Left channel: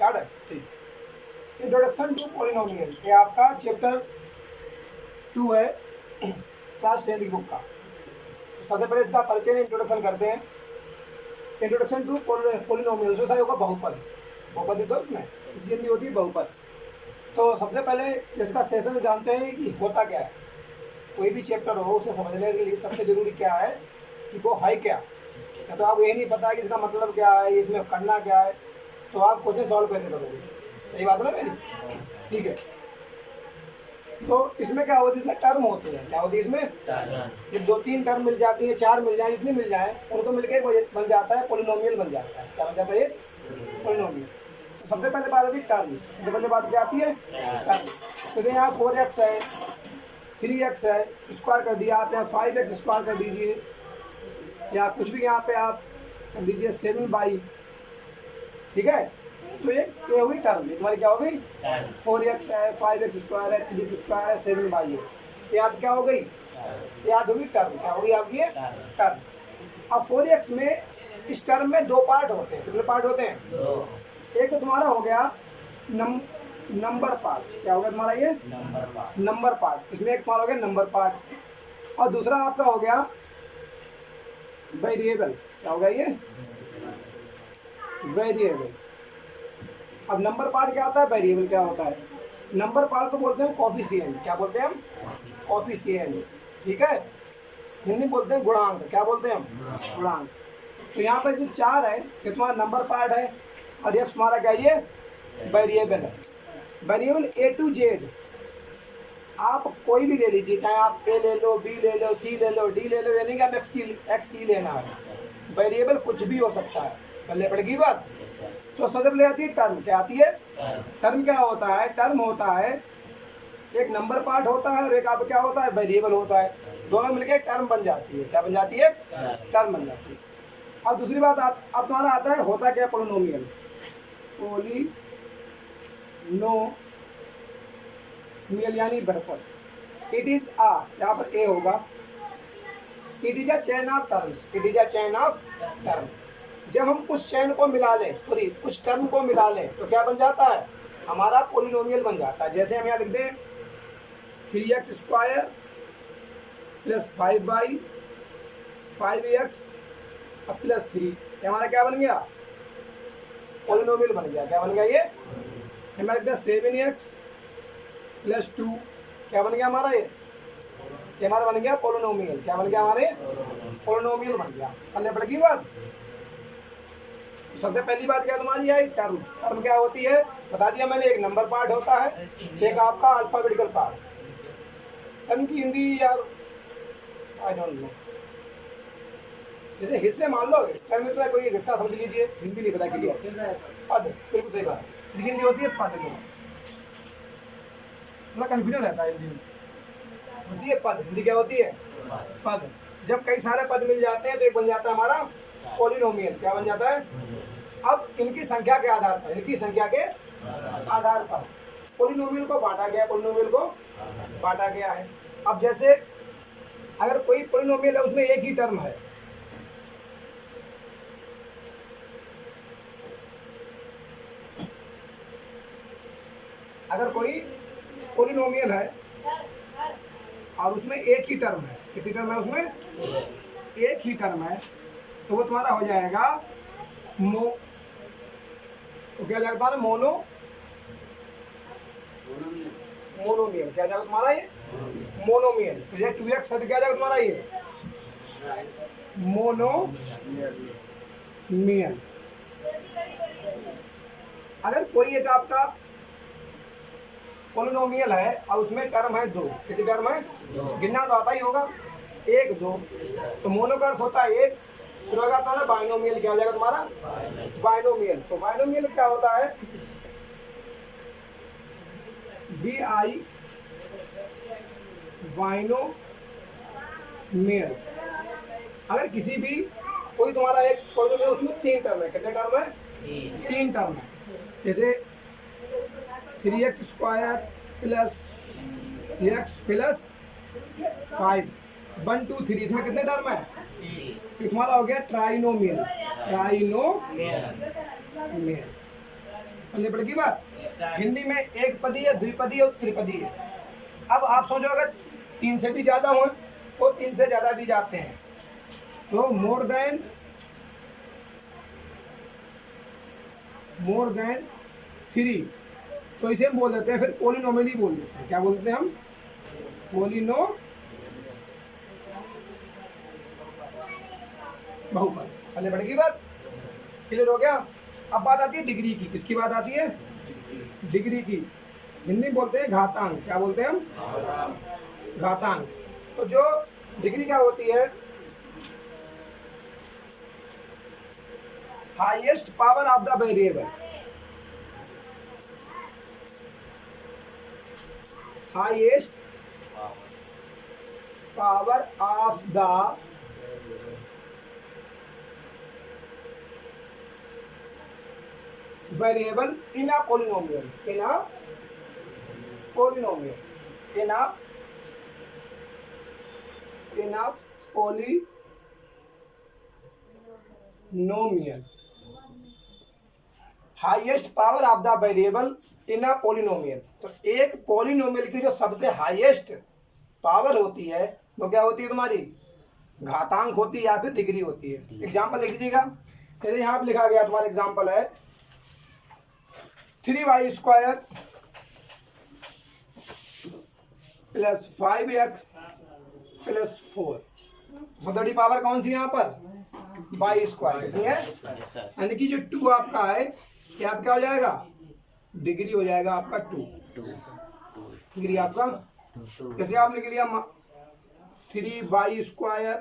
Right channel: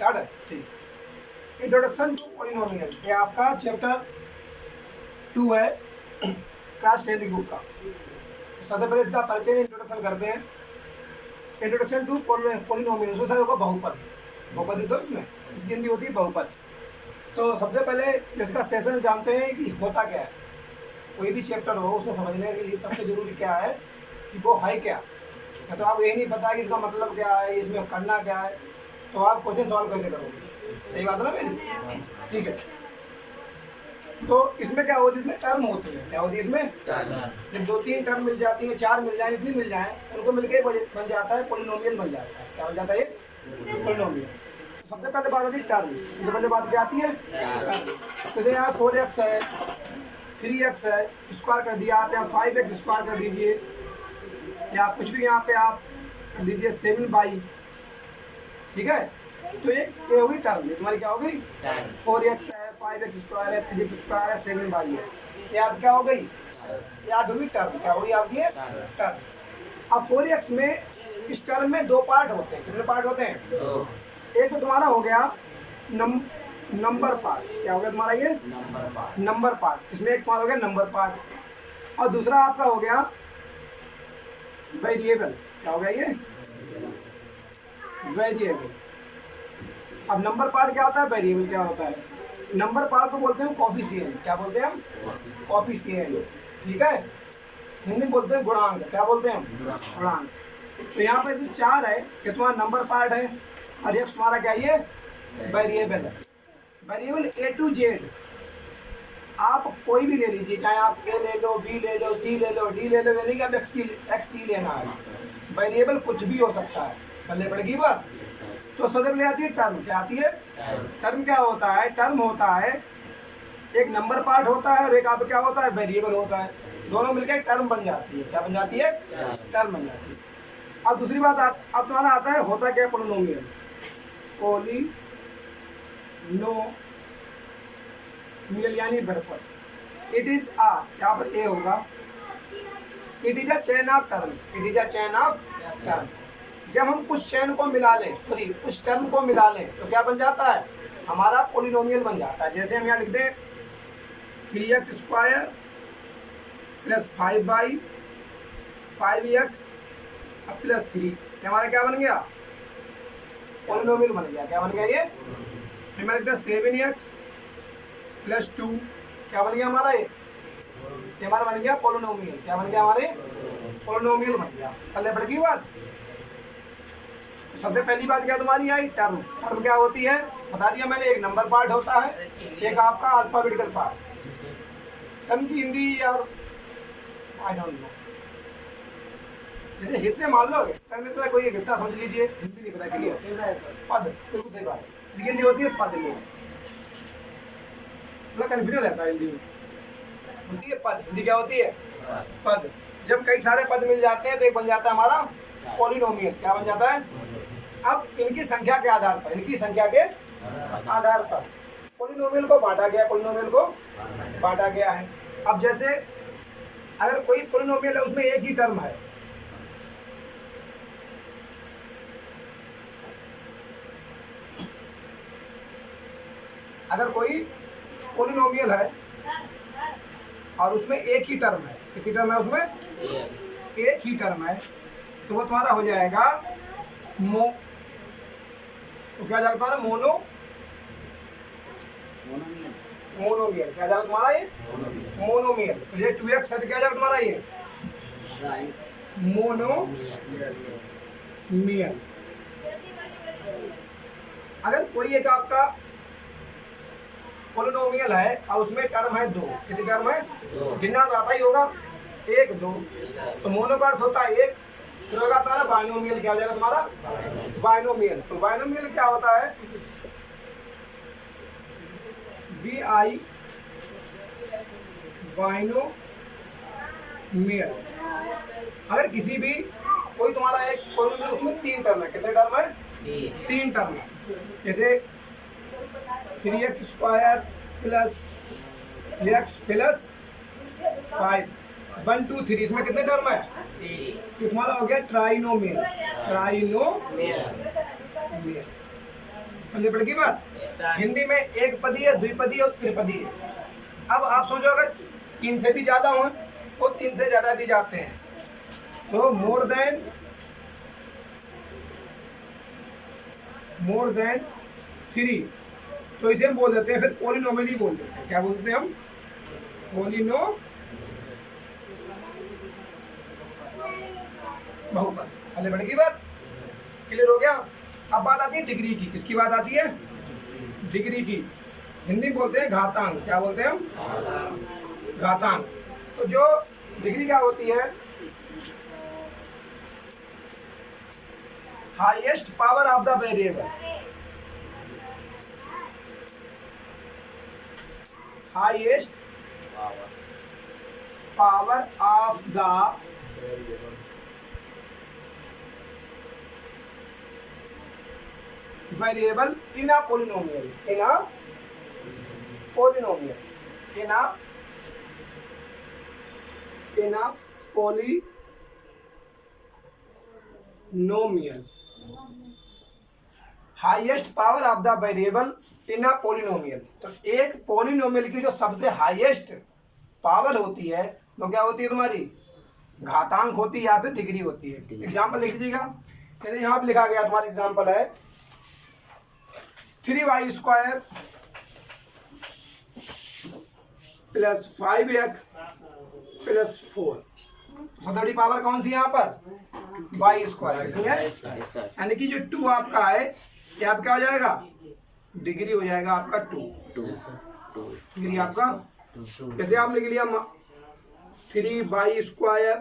Start है। ठीक, introduction to polynomial, ये आपका चैप्टर 2 है क्लास 10 की बुक का। सबसे पहले इसका परिचय इंट्रोडक्शन करते हैं। इंट्रोडक्शन टू पॉलिनोमियल, उसमें होगा बहुपद, बहुपद तो उसमें इसकी हिंदी होती है बहुपद। तो सबसे पहले इसका सेशन जानते हैं कि होता क्या है। कोई भी चैप्टर हो उसे समझने के लिए सबसे जरूरी क्या है कि वो है क्या। तो आपको यही नहीं पता कि इसका मतलब क्या है, इसमें करना क्या है, तो आप क्वेश्चन सॉल्व कैसे करोगे। सही बात है ना मेरी? ठीक है। तो इसमें क्या होती है, इसमें टर्म होते हैं। क्या होती है इसमें? जब 2-3 टर्म मिल जाती है, 4 मिल जाए, जितनी मिल जाए उनको मिलकर बन जाता है पॉलिनोमियल बन जाता है। क्या बन जाता है? पॉलिनोमियल। सबसे पहले बात आती है टर्म। सबसे पहले बात क्या आती है? टर्म। तो यहाँ 4x है, 3x है, स्क्वायर कर दिया आप, यहाँ 5x स्क्वायर कर दीजिए, या कुछ भी यहाँ पे आप कर दीजिए 7y। ठीक है। तो ये हुई टर्म, तुम्हारी क्या हो गई? 4x है, 5x स्क्वायर है, 3x स्क्वायर है, 7y है। ये आप क्या हो गई? ये आप होगी टर्म। क्या होगी आपकी? टर्म। अब 4x में इस टर्म में 2 पार्ट होते हैं। कितने पार्ट होते हैं? एक तो तुम्हारा हो गया नंबर पार्ट। क्या हो गया तुम्हारा? ये नंबर पार्ट। इसमें एक पार्ट हो गया नंबर पार्ट, और दूसरा आपका हो गया वेरिएबल। क्या हो गया? ये वेरिएबल। अब नंबर पार्ट क्या होता है, वेरिएबल क्या होता है? नंबर पार्ट को बोलते हैं कोफिशिएंट। क्या बोलते हैं हम? कोफिशिएंट। ठीक है। हिंदी में बोलते हैं गुणांक। क्या बोलते हैं हम? गुणांक। तो यहाँ पर जो 4 है ये तुम्हारा नंबर पार्ट है, और एक तुम्हारा क्या ये वेरिएबल है। वेरिएबल A to Z आप कोई भी ले लीजिए, चाहे आप A ले लो, B ले लो, C ले लो, D ले लो, यानी कि आप X की लेना है। वेरिएबल कुछ भी हो सकता है। पहले पड़ेगी बात। तो सबसे पहले आती है टर्म। क्या आती है? टर्म क्या होता है? टर्म होता है एक नंबर पार्ट होता है और एक आप क्या होता है? वेरिएबल होता है। दोनों मिलकर एक टर्म बन जाती है। क्या बन जाती है? टर्म बन जाती है। अब दूसरी बात अब तुम्हारा आता है होता क्या? पॉलिनोमियल। पॉलिनोमियल यानी बहुपद। इट इज आ, यहाँ पर ए होगा, it is a chain of terms. It is a chain of term. जब हम कुछ चेन को मिला लें, सॉरी कुछ टर्म को मिला लें, तो क्या बन जाता है? हमारा पॉलिनोमियल बन जाता है। जैसे हम यहाँ लिख दें 3x square plus 5y 5x plus 3, हमारा क्या बन गया? पॉलिनोमियल बन गया। क्या बन गया ये? हमारा लिख दें 7x प्लस 2, क्या बन गया हमारा? ये हमारा बन गया पॉलिनोमियल। क्या बन गया? हमारे पॉलिनोमियल बन गया। पहले बढ़ गई बात। सबसे पहली बात क्या तुम्हारी आई? टर्म। टर्म क्या होती है बता दिया मैंने। एक नंबर पार्ट होता है, एक आपका अल्फाबेटिकल पार्ट। टर्म की हिंदी यार आई डोंट नो। जैसे हिस्से मान लो, टर्म में तो कोई एक हिस्सा समझ लीजिए, हिंदी नहीं पता क्लियर। पद, बिल्कुल सही बात। जिसकी हिंदी होती है पद में, थोड़ा कन्फ्यूजन रहता है। हिंदी में होती है पद। हिंदी क्या होती है? पद। जब कई सारे पद मिल जाते हैं तो एक बन जाता है हमारा पॉलिनोमियल। क्या बन जाता है? अब इनकी संख्या के आधार पर, इनकी संख्या के आधार पर पॉलिनोमियल को बांटा गया, पॉलिनोमियल को बांटा गया है। अब जैसे अगर कोई पॉलिनोमियल है उसमें एक ही टर्म है, अगर कोई पॉलिनोमियल है और उसमें एक ही टर्म है, कितनी टर्म है उसमें? एक ही टर्म है, तो वो तुम्हारा हो जाएगा तो क्या जाएगा तुम्हारा? मोनोमियल। क्या जाएगा तुम्हारा? ये मोनोमियल। तो ये 2x है तो क्या जाएगा तुम्हारा? ये मोनोमियल। अगर कोई एक आपका पॉलिनोमियल है और उसमें टर्म है 2, कितनी टर्म है? गिनना तो आता ही होगा, 1 2। तो मोनो का अर्थ होता है 1, फिर होगा तुम्हारा बाइनोमियल। क्या हो जाएगा तुम्हारा? बाइनोमियल। तो बाइनोमियल क्या होता है? BI binomial. अगर किसी भी कोई तुम्हारा एक पॉलिनोमियल उसमें 3 टर्म है, कितने टर्म है? 3 टर्म है। जैसे 3x square plus x plus 5 1 2 3, इसमें कितने टर्म है? ये तुम्हारा हो गया ट्राइनोमियल। ट्राइनोमियल। पल्ले पड़ की बात। हिंदी में एक पदी है, द्विपदी है और त्रिपदी है। अब आप सोचो अगर 3 से भी ज्यादा हो तो 3 से ज्यादा भी जाते हैं, तो मोर देन 3, तो इसे हम बोल देते हैं फिर पॉलिनोमियल ही बोल देते हैं। क्या बोलते हैं हम? बहुपद। पहले बढ़ की बात क्लियर हो गया। अब बात आती है डिग्री की। किसकी बात आती है? डिग्री की। हिंदी में बोलते हैं घातांक। क्या बोलते हैं हम? घातांक। तो जो डिग्री क्या होती है? Highest power of the variable. Highest power of the variable in a polynomial. In a polynomial. In a polynomial. Highest power of the variable in a polynomial. तो एक पॉलिनोमियल की जो सबसे हाईएस्ट पावर होती है वो क्या होती है तुम्हारी? घातांक होती है या फिर डिग्री होती है। एग्जाम्पल देख लीजिएगा। जैसे यहाँ पे लिखा गया तुम्हारा एग्जाम्पल है 3y² + 5x + 4। सबसे बड़ी पावर कौन सी यहाँ पर? y²। कितनी है? यानी कि जो 2 आपका है ये आप क्या हो जाएगा? डिग्री हो जाएगा आपका 2। डिग्री आपका। जैसे आपने लिख लिया 3y²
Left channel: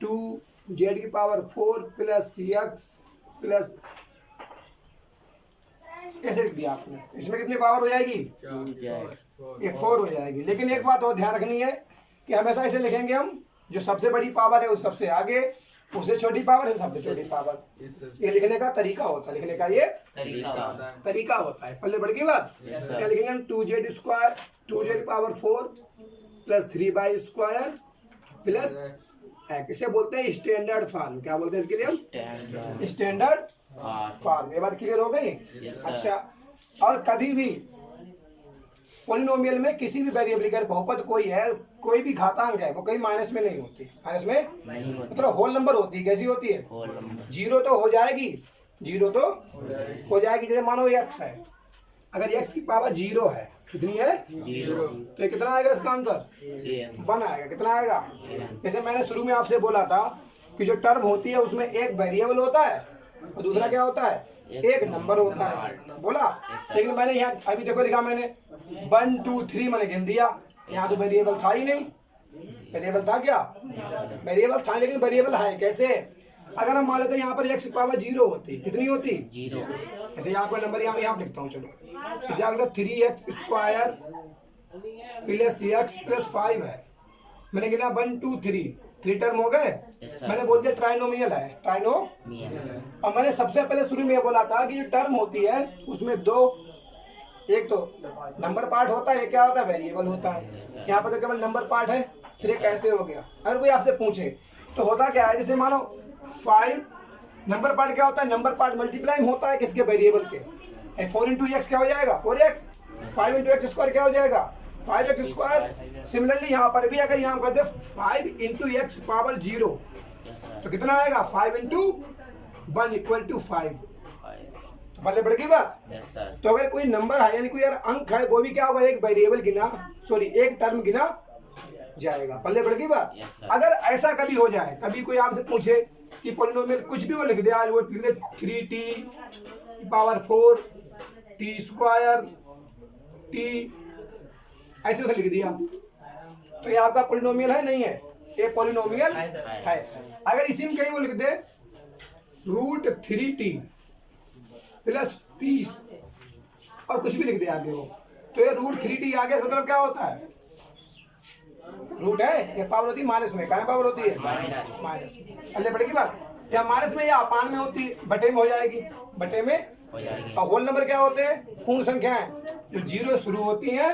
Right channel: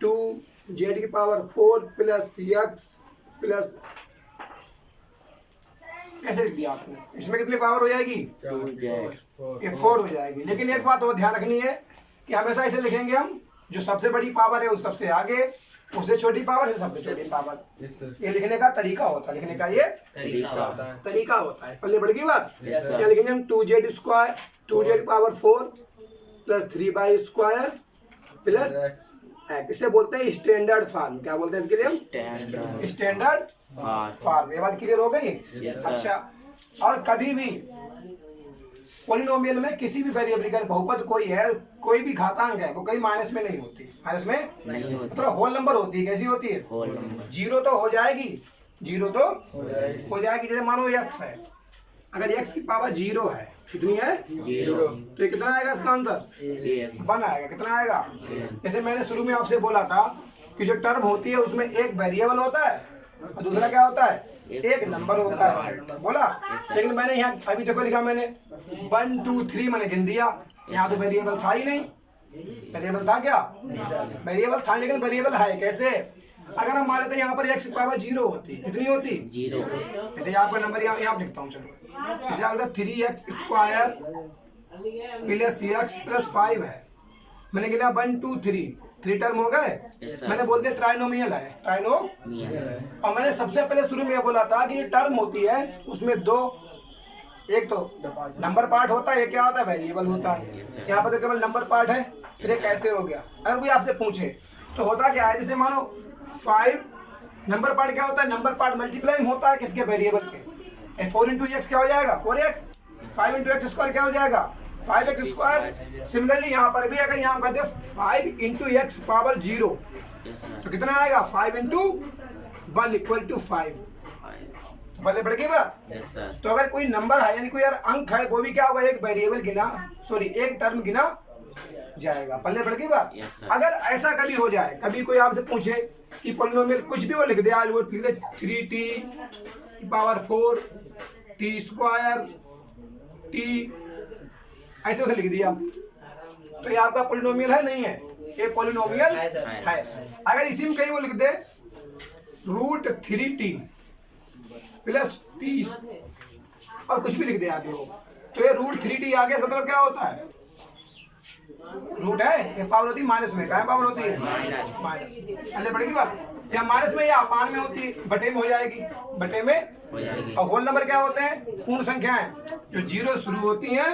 2z⁴ + x ऐसे लिख दिया आपने। इसमें कितनी पावर हो जाएगी? 2z। ये 4 हो जाएगी। लेकिन एक बात और ध्यान रखनी है कि हमेशा ऐसे लिखेंगे हम, जो सबसे बड़ी पावर है उस सबसे आगे, उससे छोटी पावर है सबसे छोटी पावर। ये लिखने का तरीका होता है। लिखने का ये तरीका होता है। पहले बढ़ गई बात। क्या लिखेंगे हम? 2z² 2z⁴ + 3y² + x। इसे बोलते हैं स्टैंडर्ड फॉर्म। क्या बोलते हैं इसके लिए हम? Standard form. ये बात क्लियर हो गई? अच्छा, और कभी भी पॉलिनोमियल में किसी भी वेरिएबल का बहुपद कोई है, कोई भी घातांक है, वो कहीं माइनस में नहीं होती। माइनस में नहीं होती, मतलब होल नंबर होती है। कैसी होती है? Whole number. जीरो तो हो जाएगी, जीरो तो हो जाएगी। जैसे मानो x है, अगर x की पावर 0 है, कितनी है? 0, तो ये कितना आएगा इसका आंसर? 1 आएगा। कितना आएगा? जैसे मैंने शुरू में आपसे बोला था कि जो टर्म होती है उसमें एक वेरिएबल होता है और दूसरा क्या होता है? एक नंबर होता है। बोला? लेकिन मैंने यहाँ अभी देखो लिखा मैंने 1 2 3 मैंने गिन दिया। यहाँ तो वेरिएबल था ही नहीं। वेरिएबल था क्या? वेरिएबल था, लेकिन वेरिएबल है कैसे? अगर हम मान लेते हैं यहाँ पर x की पावर 0 होती, कितनी होती? 0। जैसे आपका नंबर यहाँ लिखता हूँ। चलो, जैसे आपका 3x² + x + 5 है। मैंने गिना 1 2 3 टर्म हो गए। मैंने बोल दिया ट्राइनोमियल है। ट्राइनोमियल। और मैंने सबसे पहले शुरू में बोला था कि जो टर्म होती है उसमें दो, एक तो नंबर पार्ट होता है, ये क्या होता है? वेरिएबल होता है। यहाँ पर तो केवल नंबर पार्ट है। फिर ये कैसे हो गया? अगर कोई आपसे पूछे तो होता क्या है? जैसे मानो 5 नंबर पार्ट क्या होता है? नंबर पार्ट मल्टीप्लाई होता है किसके? वेरिएबल के। 4 × x क्या हो जाएगा? 4x। 5 × x² क्या हो जाएगा? 5x²। सिमिलरली यहाँ पर भी अगर यहाँ कर दे 5 × x⁻0 तो कितना आएगा? 5 × 1 = 5। पहले बढ़ गई बात। तो अगर कोई नंबर है, यानी कोई यार अंक है, वो भी क्या होगा? एक वेरिएबल गिना, सॉरी एक टर्म गिना जाएगा। पहले बढ़ गई बात। अगर ऐसा कभी हो जाए, कभी कोई आपसे पूछे कि पॉलिनोमियल कुछ भी वो लिख दे, आज वो लिख दे 3t⁴ t²t ऐसे उसे लिख दिया, तो ये आपका पॉलिनोमियल है? नहीं है, ये पॉलिनोमियल है। अगर इसी में कहीं वो लिख दे √3t + t और कुछ भी लिख दे आगे वो, तो ये √3t आ गया। मतलब क्या होता है? रूट है, ये पावर होती है माइनस में। क्या पावर होती है? माइनस। अल्ले पड़ेगी बात। या माइनस में या अपान में होती है, बटे में हो जाएगी, बटे में हो जाएगी। और होल नंबर क्या होते हैं? पूर्ण संख्याएं जो 0 शुरू होती हैं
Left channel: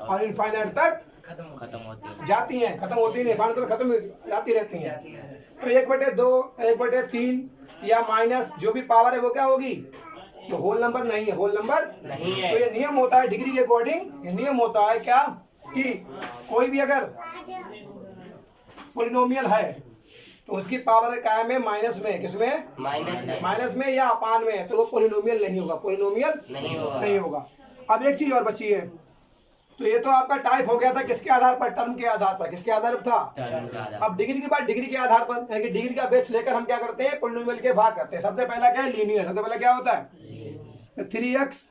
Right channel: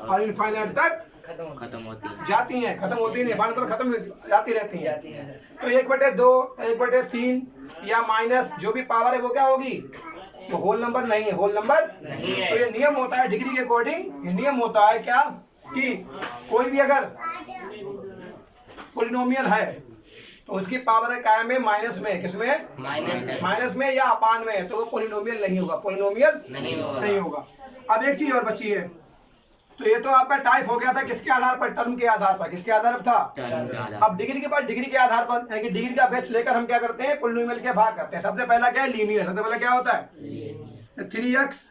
और इनफाइनाइट तक खत्म होती हैं, जाती हैं, खत्म होती है, तो खत्म जाती रहती हैं। तो 1/2 1/3 या माइनस जो भी पावर है वो क्या होगी? तो होल नंबर नहीं है, होल नंबर नहीं है। तो ये नियम होता है डिग्री के अकॉर्डिंग, ये नियम होता है क्या कि कोई भी अगर पोलिनोमियल है तो उसकी पावर कायम है माइनस में, किसमें, माइनस में या अपान में, तो वो पोलिनोमियल नहीं होगा, पोलिनोमियल नहीं होगा। अब एक चीज और बची है, तो ये तो आपका टाइप हो गया था किसके आधार पर, टर्म के आधार पर, किसके आधार पर था, टर्म का आधार। अब डिग्री के बाद डिग्री के आधार पर, यानी कि डिग्री का बेस लेकर हम क्या करते हैं, पोलिनोमियल के भाग करते हैं। सबसे पहला क्या है, लीनियर। सबसे पहला क्या होता है, 3x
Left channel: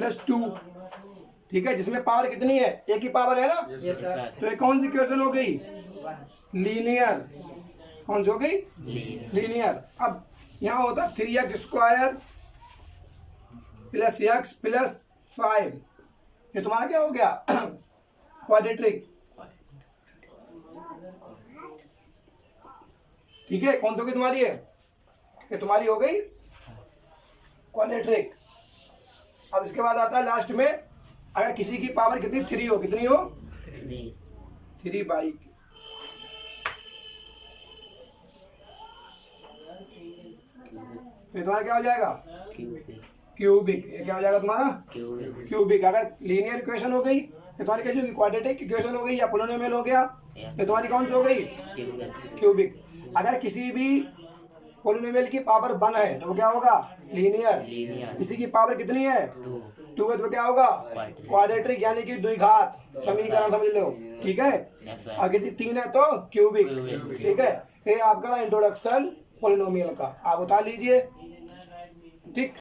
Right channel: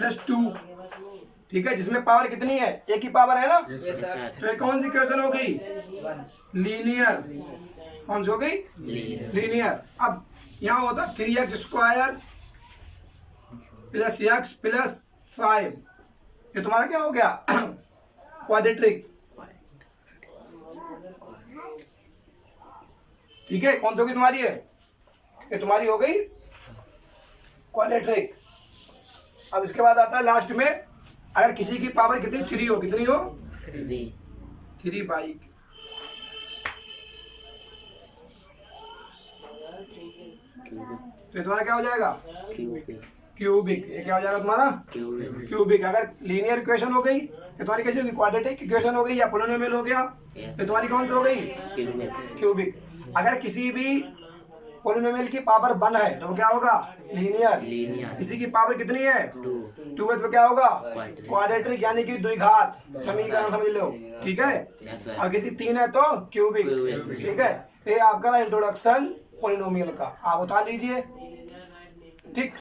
+ 2, ठीक है, जिसमें पावर कितनी है, एक ही पावर है ना, तो ये कौन सी इक्वेशन हो गई, लीनियर। कौन सी हो गई, लीनियर। अब यहाँ होता 3x² + x + 5, ये तुम्हारा क्या हो गया, क्वाड्रेटिक, ठीक है। कौन सी होगी तुम्हारी है, ये तुम्हारी हो गई क्वाड्रेटिक। अब इसके बाद आता है लास्ट में, अगर किसी की पावर कितनी 3 हो, कितनी हो, 3 बाई, तो तुम्हारा क्या हो जाएगा, क्यूबिक। ये क्या हो जाएगा तुम्हारा, क्यूबिक। अगर लीनियर इक्वेशन हो गई तो तुम्हारी कैसी होगी, क्वाड्रेटिक इक्वेशन हो गई या पोलिनोमियल हो गया, तो तुम्हारी कौन सी हो गई, क्यूबिक। अगर किसी भी पोलिनोमियल की पावर 1 है तो क्या होगा, लीनियर। किसी की पावर कितनी है, 2 है, तो क्या होगा, क्वाड्रेटिक, यानी कि द्विघात समीकरण, समझ लो, ठीक है। और किसी 3 है तो क्यूबिक, ठीक है। ये आपका इंट्रोडक्शन पोलिनोमियल का, आप बता लीजिए, ठीक।